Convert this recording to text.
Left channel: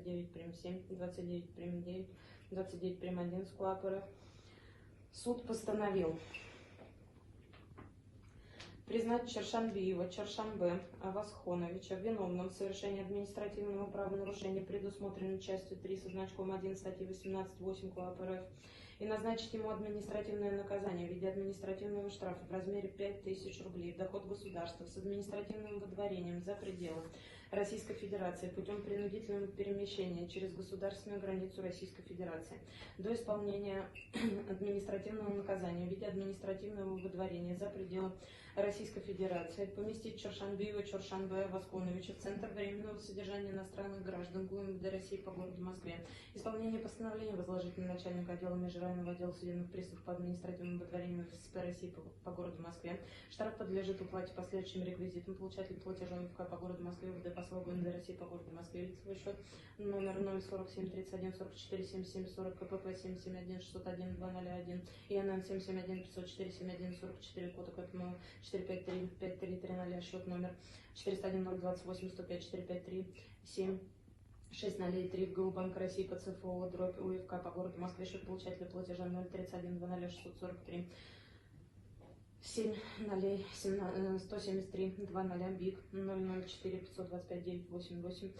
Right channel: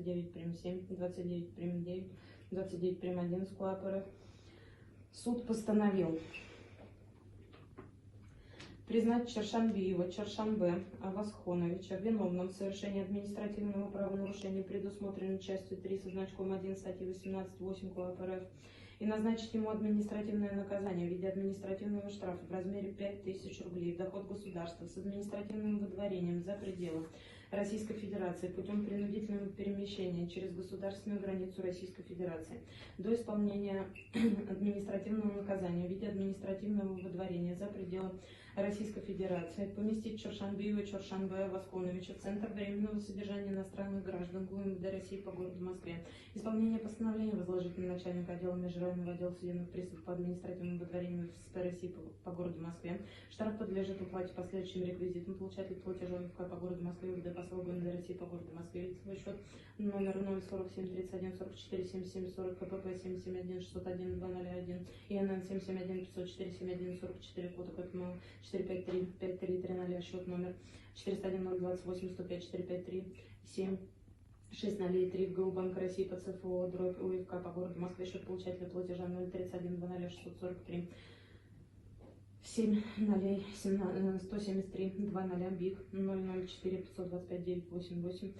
29 прим. 7, 29 прим. 9, 29 прим. 1 СКУАП РФ. Суд постановил признать Чоршанбиева Чоршанбе Авасхоновича виновным в совершении административного правонарушения, предусмотренного частью 3 со значком 1 статьи 18.8 КоАП РФ, и назначить ему административное наказание в виде административного штрафа в размере 5000 рублей в доход государства с административным выдворением за пределы Российской Федерации путем принудительного перемещения через государственную границу Российской Федерации до исполнения административного наказания в виде административного выдворения за пределы Российской Федерации, поместить Чоршанбиева Чоршанбе Авасхоновича в Центр временного содержания иностранных граждан ГУМВД России по городу Москве. Исполнение постановления возложить на начальника отдела межрайонного отдела судебных приставов по административному выдворению ФСП России по городу Москве. Штраф подлежит уплате по следующим реквизитам: получатель платежа МФК по городу Москве, УВД посла ГУМВД России по городу Москве, лицевой счет номер 047 31 44 77 40 КПК 771 601 201 и НН 771 504 71 44 фото КПМО 453 53 300, счет номер 401 028 105 453 7 603 в ГУ Банк России по ЦФО дробь УФК по городу Москве, счет получателя платежа 031 00 643 7 0 173 20 БИК 004 525 988.